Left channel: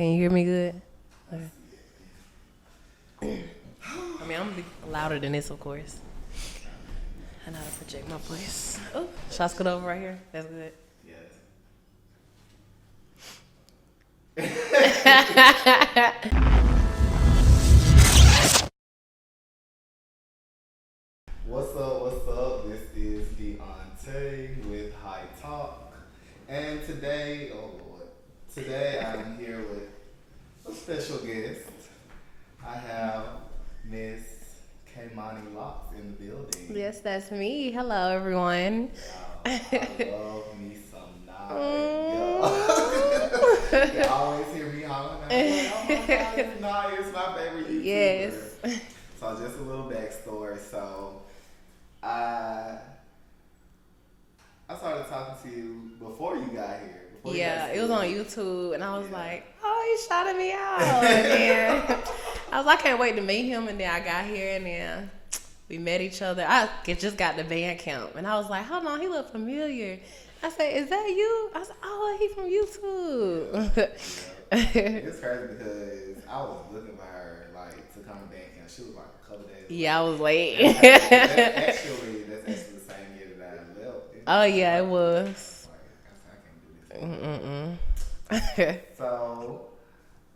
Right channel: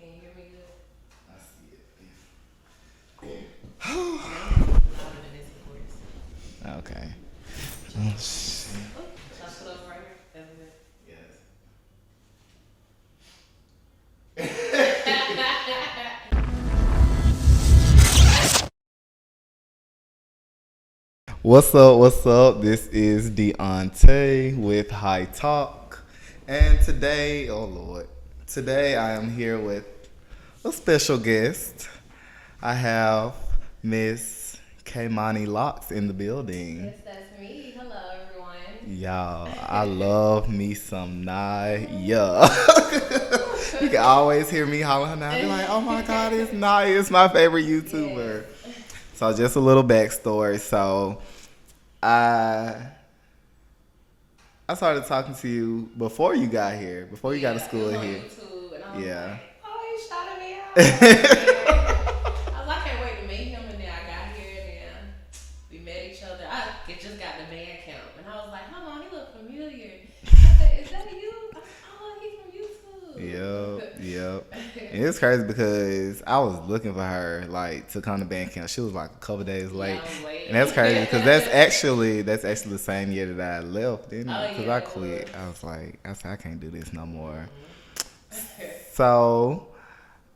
Can you hear me good? Okay. I'm louder than this, of course. Okay. I know how to project my voice. Oh, should I scoot over right here? That's good. What's up? What's up? This is Deontay with High Talk, and today, oh Lord, today I am here with a special guest. I have Miss Kaimani Locs in the building. Yes, that's me. Hello, everyone. Y'all, I love me some Naya. You can always hear me hollering out like, "Oh my God, it's Naya! It's my favorite YouTuber." Yes. So just a little backstory. So I started talking to you before you got here, before you got to school. It was on here. YouTube, and I was Yeah. like, "Oh, he shouted me out." And then I can't wait to meet him. And then I got here, and then we met each other. Just got the band camp, and I was like, "Hold on, he looked familiar." I said, "Is that you?" I was like, "Oh, he from YouTube." Yep. It's crazy because I was looking for her like to come to band camp. She was like a couple days late. Yeah, I was late. And that's crazy because that's actually the same year that I left. Didn't Oh it? 'Cause yeah, I it quit. was. I said I can't do this no more. So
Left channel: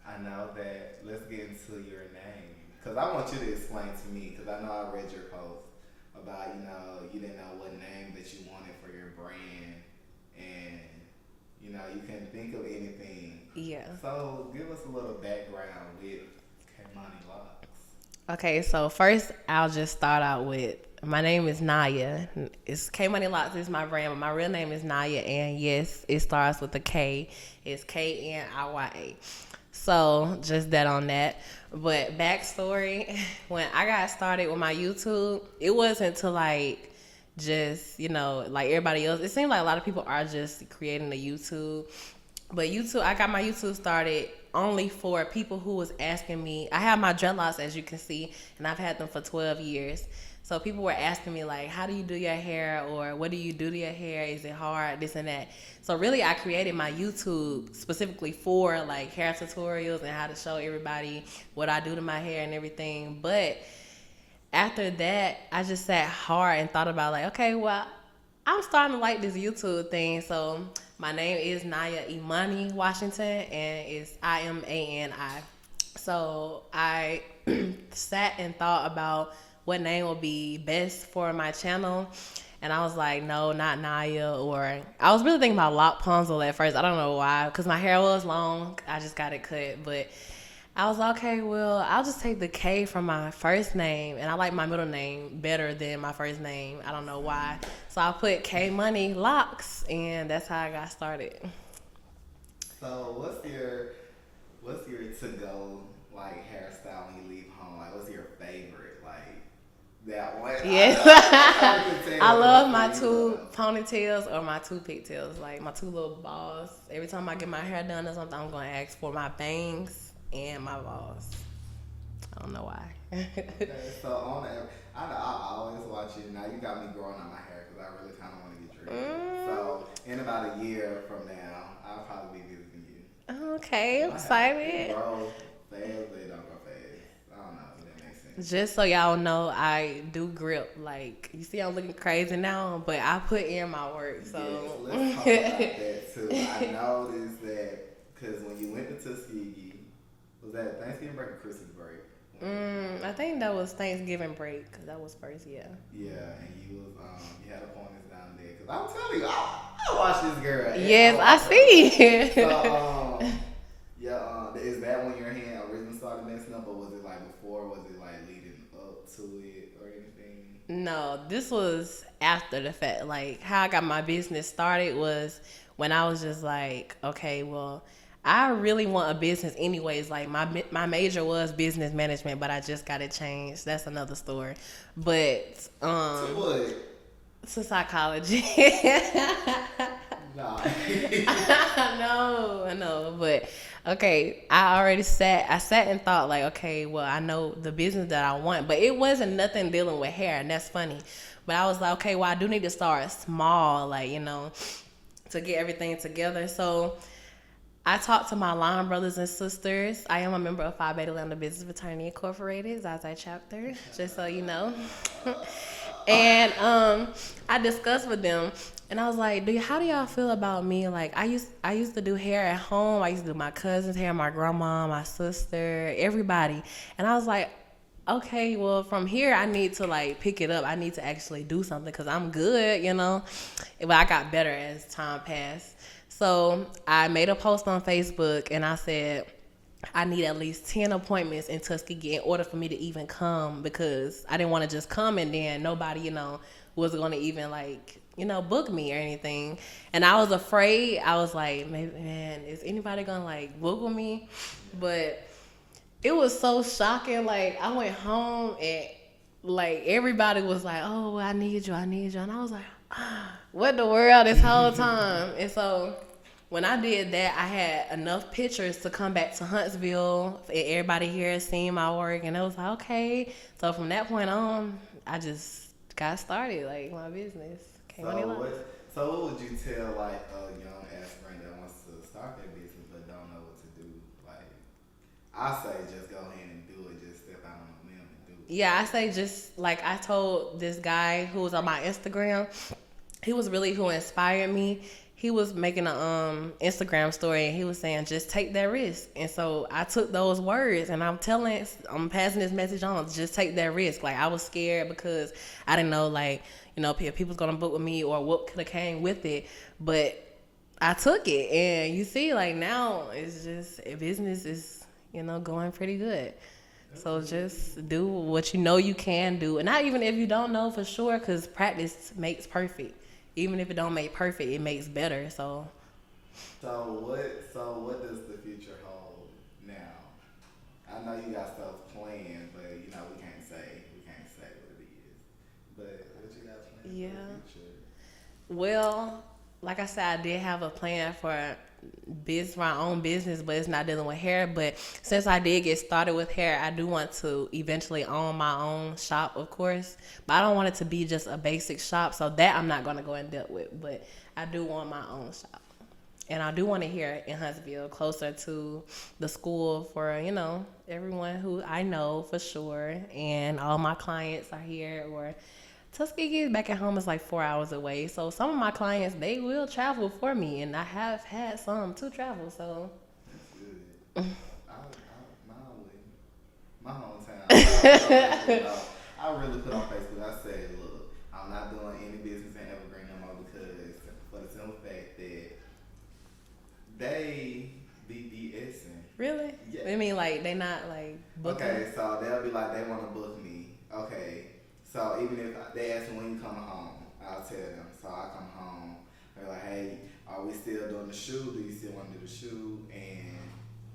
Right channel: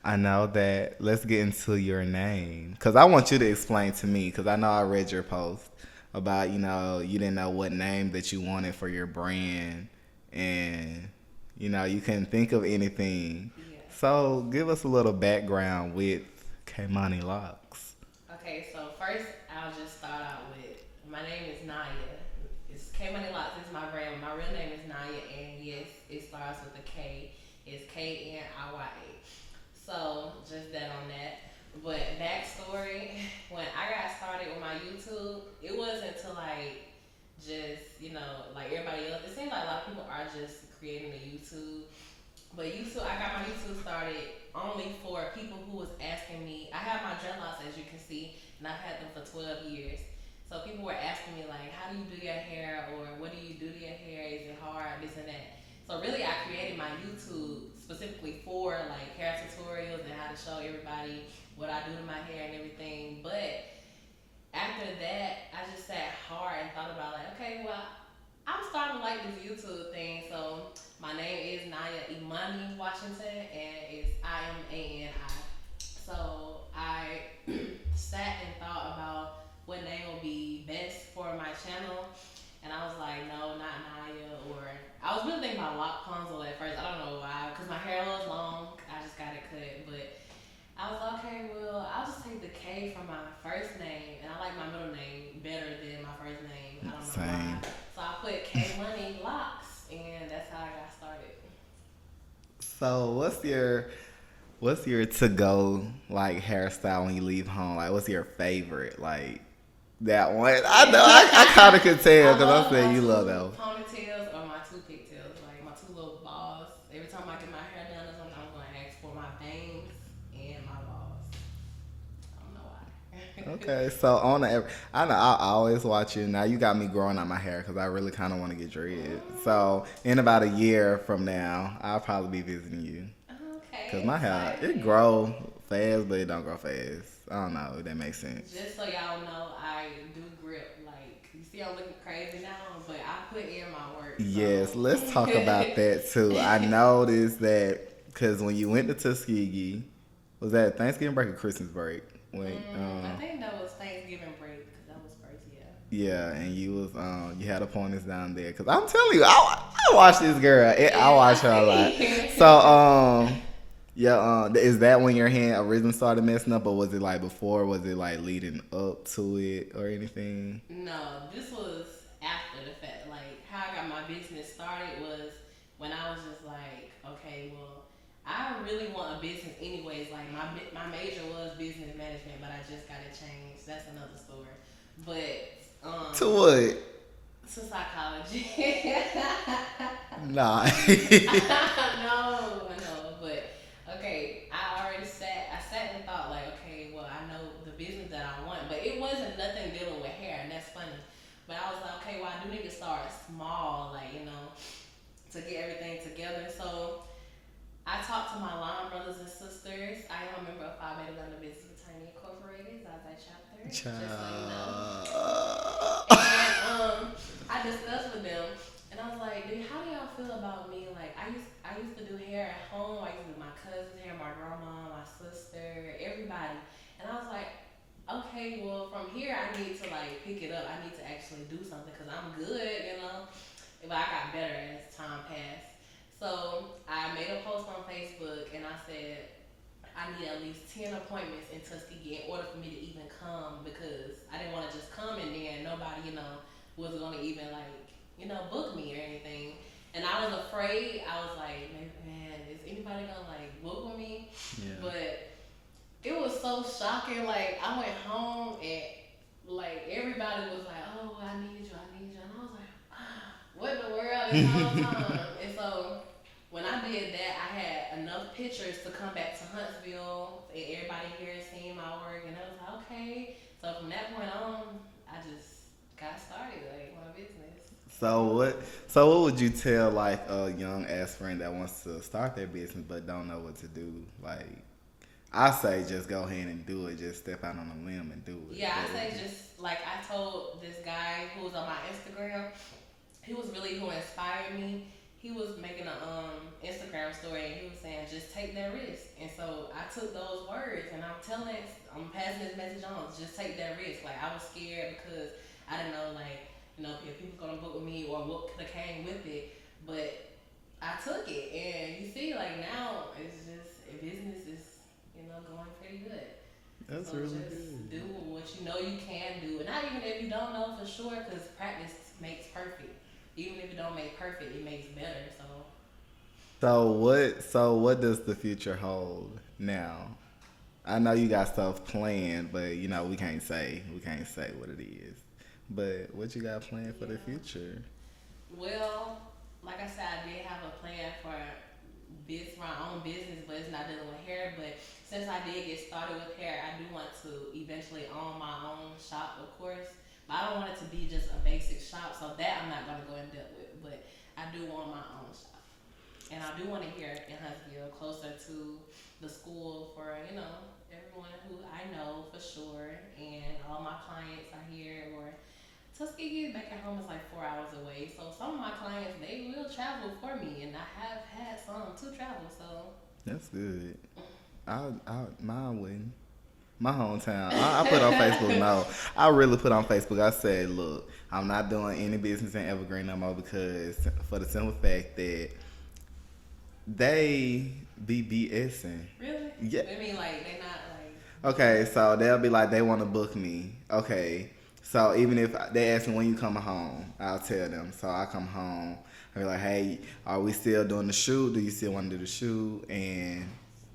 I know that. Let's get into your name because I want you to explain to me because I know I read your post about you didn't know what name that you wanted for your brand and you couldn't think of anything. Yeah. So give us a little background with Kaimani Locs. Okay, so first I'll just start out with my name is Naya. It's Kaimani Locs is my brand, but my real name is Naya, and yes, it starts with a K. It's Kniya. So just that on that. But backstory, when I got started with my YouTube, it wasn't until just like everybody else. It seemed like a lot of people are just creating a YouTube. But YouTube, I got my YouTube started only for people who was asking me. I have my dreadlocks, as you can see, and I've had them for 12 years. So people were asking me like, how do you do your hair, or what do you do to your hair? Is it hard? This and that. So really, I created my YouTube specifically for like hair tutorials and how to show everybody what I do to my hair and everything. But after that, I just sat hard and thought about like, okay, well, I'm starting to like this YouTube thing. So my name is Naya Imani Washington, and it's Imani. So I sat and thought about what name would be best for my channel. And I was like, no, not Naya. Or I was really thinking about Loc at first. I don't know why, because my hair was long. I just got it cut. But I was like, okay, well, I'll just take the K from my first name. And I like my middle name better than my first name. I don't know why. So I put Kaimani Locs, and that's how I got started. So what's your to go like hairstyle when you leave home? Like what's your favorite like? That one, I know. I kind of could tell. I love I my you two love ponytails or my two pigtails, like my two little balls. Every time I get my hair done or something, I'm going to ask for my bangs and my balls. I don't know why. Okay, so I know I always watch you. Now you got me growing out my hair because I really kind of want to get dreads. So in about a year from now, I'll probably be visiting you. Okay, I'm my excited. hair, it grow fast, but it don't grow fast. I don't know if that makes sense. Just so y'all know, I do grip. Like, you see I'm looking crazy now, but I put in my work. So. Yes, let's talk about that too. I noticed that because when you went to Tuskegee, was that Thanksgiving break or Christmas break? I think that was Thanksgiving break because that was first, yeah. Yeah, and you was you had appointments down there because I'm telling you, I watch this girl. Yes, I see. So yeah, is that when your hand originally started messing up, or was it like before? Was it like leading up to it or anything? No, this was after the fact. Like how I got my business started was when I was just like, okay, well, I really want a business anyways. Like my major was business management, but I just got it changed. That's another story. But to what? To psychology. Nah. No, but okay, I sat and thought like, okay, well, I know the business that I want, but it wasn't nothing dealing with hair, and that's funny. But I was like, okay, well, I do need to start small, like, to get everything together. So I talk to my line brothers and sisters. I am a member of Phi Beta Lambda Business Fraternity Incorporated, Zaza chapter, just so you know. And I discussed with them, and I was like, how do y'all feel about me? Like, I used to do hair at home. I used to do my cousin's hair, my grandma, my sister, everybody. And I was like, okay, well, from here, I need to, like, pick it up. I need to actually do something because I'm good, you know. But I got better as time passed. So I made a post on Facebook, and I said, I need at least 10 appointments in Tuskegee in order for me to even come, because I didn't want to just come and then nobody, you know, was going to even, like, you know, book me or anything. And I was afraid. I was like, man, is anybody going to, like, book with me? Yeah. But it was so shocking. Like, I went home and, like, everybody was like, oh, I need you. And I was like, what the world this whole time? And so when I did that, I had enough pictures to come back to Huntsville. Everybody here has seen my work, and it was like, okay. So from that point on, I just got started, like, my business. So what would you tell, like, a young aspirant that wants to start their business but don't know what to do? Like, I say just go ahead and do it. Just step out on a limb and do it. Yeah, I say just, like, I told this guy who was on my Instagram, he was really who inspired me. He was making a Instagram story, and he was saying, just take that risk. And so I took those words, and I'm passing this message on, just take that risk. Like, I was scared because I didn't know, like, you know, if people's going to book with me or what could have came with it. But I took it, and you see, like, now it's just, business is, you know, going pretty good. That's so really just cool. Do what you know you can do. And not even if you don't know for sure, because practice makes perfect. Even if it don't make perfect, it makes better. So what does the future hold now? I know you got stuff planned, but you know we can't say what it is. But what you got planned for the future? Well, like I said, I did have a plan for my own business, but it's not dealing with hair. But since I did get started with hair, I do want to eventually own my own shop, of course. But I don't want it to be just a basic shop, so that I'm not going to go in depth with. But I do want my own shop. And I do want it here in Huntsville, closer to the school for, you know, everyone who I know for sure. And all my clients are here. Or Tuskegee back at home is like 4 hours away. So some of my clients, they will travel for me. And I have had some to travel, so. That's good. Mine wouldn't. My hometown. I put on Facebook. No, I really put on Facebook. I said, look, I'm not doing any business in Evergreen no more, because for the simple fact that they be BSing. Really? Yeah. I mean, like, they not like. Okay, so they'll be like, they want to book me. Okay, so even if they ask me when you coming home, I'll tell them. So I come home. I'll be like, hey, are we still doing the shoot? Do you still want to do the shoot? And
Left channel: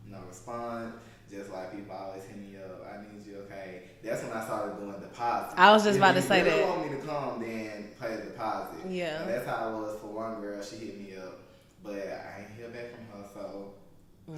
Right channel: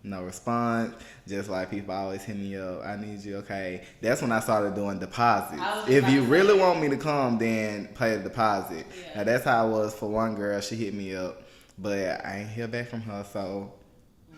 no response. Just like people always hit me up, I need you. Okay, that's when I started doing deposits. I was just about to say if you really want me to come, then pay the deposit. Yeah. Now, that's how it was for one girl. She hit me up, but I ain't hear back from her, so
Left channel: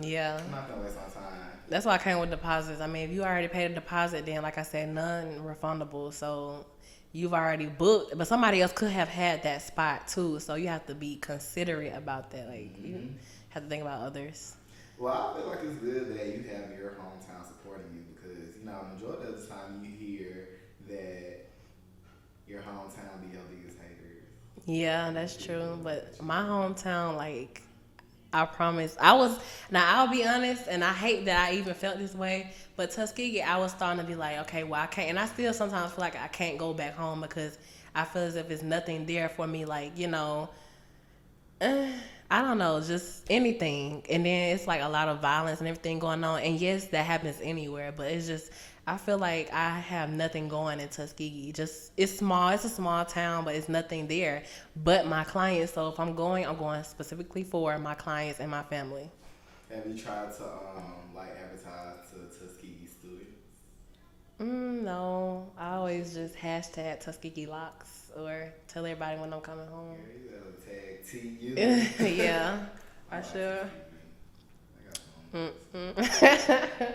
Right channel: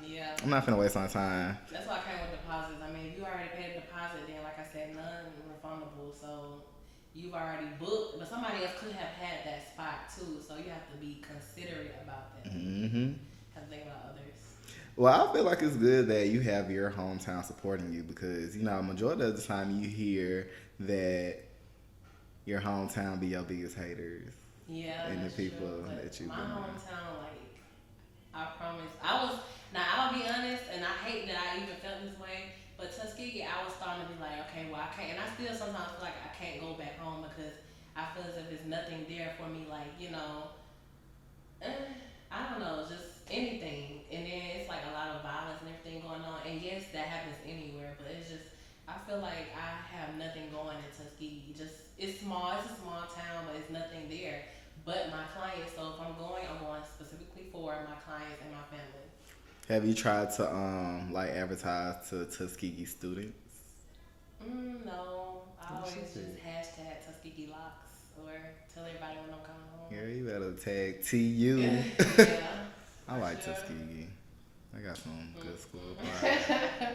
yeah, I'm not finna waste my time. That's why I came with deposits. I mean, if you already paid a deposit, then like I said, non-refundable. So you've already booked, but somebody else could have had that spot too. So you have to be considerate about that. Like, you have to think about others. Well, I feel like it's good that you have your hometown supporting you, because, you know, majority of the time you hear that your hometown be your biggest haters. Yeah, that's true. But my hometown, like, I promise, I'll be honest, and I hate that I even felt this way, but Tuskegee, I was starting to be like, okay, well, I can't, and I still sometimes feel like I can't go back home because I feel as if there's nothing there for me, like, you know, I don't know, just anything. And then it's like a lot of violence and everything going on. And yes, that happens anywhere, but it's just, I feel like I have nothing going in Tuskegee. Just, it's small, it's a small town, but it's nothing there but my clients. So if I'm going specifically for my clients and my family. Have you tried to like advertise to Tuskegee students? No, I always just hashtag Tuskegee Locs or tell everybody when I'm coming home. Girl, you better tag TU. Yeah. I like Tuskegee. I got some.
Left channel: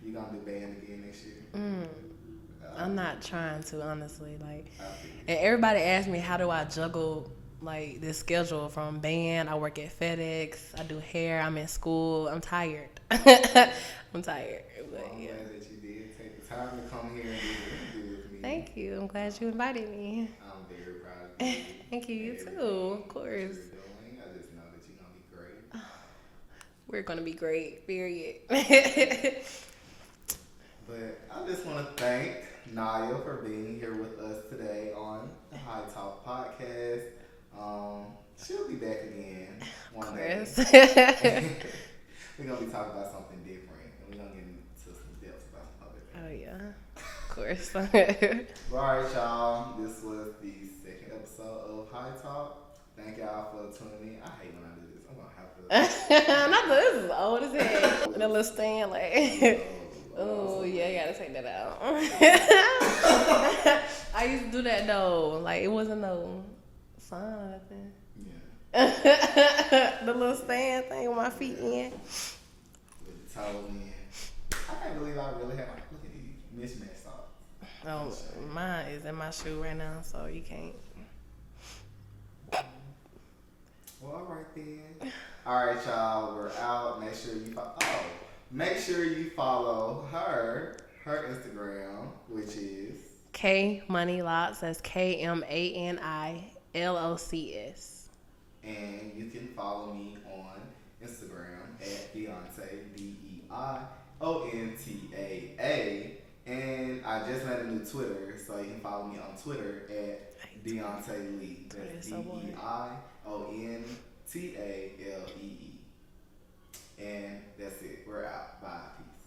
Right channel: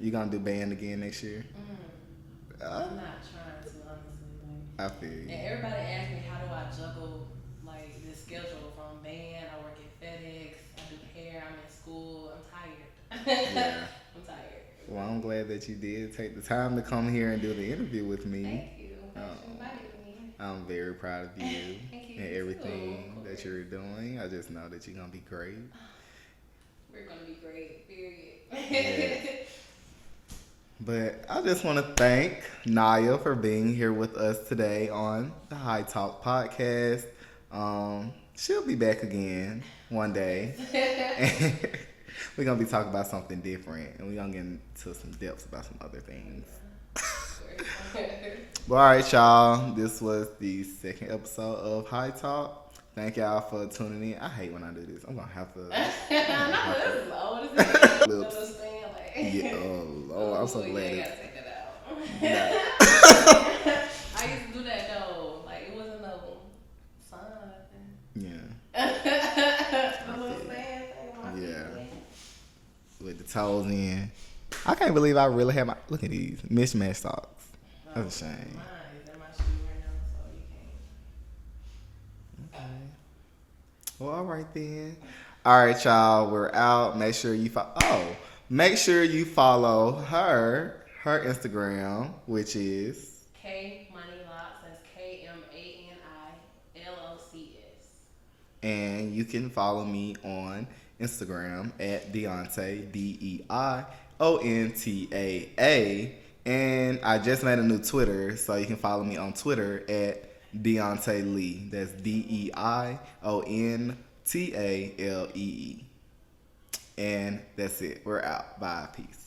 You gonna do band again next year? I'm not trying to, honestly. Like, I feel you. And everybody asks me, how do I juggle like this schedule from band. I work at FedEx. I do hair. I'm in school. I'm tired. I'm tired. Well, I'm glad that you did take the time to come here and do the interview with me. Thank you. I'm glad you invited me. I'm very proud of you. Thank you. And You everything too, of course. that you're doing. I just know that you're gonna be great. We're gonna be great. Period. Yeah. But I just want to thank Naya for being here with us today on the High Talk podcast. She'll be back again one day. We're going to be talking about something different, and we're going to get into some depths about some other things. Oh, yeah. Of course. Well, all right, y'all. This was the second episode of High Talk. Thank y'all for tuning in. I hate when I do this. I'm going to have to... Not this is old as hell. The little stand, like... Yeah, I'm so yeah, glad. I gotta take that out. I used to do that, though. Like, it wasn't no sign or nothing. Yeah. The little stand thing with my feet in. With the toes in. I can't believe I really have my... Look at these mismatched socks. Oh, That's a shame. mine is in my shoe right now, so you can't. Okay. Well, all right then. All right, y'all. We're out. Make sure you follow her Instagram, which is K Money Locs. That's KMANILOCS. and you can follow me on Instagram at Deonta DeionTaa. And I just made a new Twitter, so you can follow me on Twitter at Deonta Lee. That's DeionTalee. And that's it. We're out. Bye. Peace.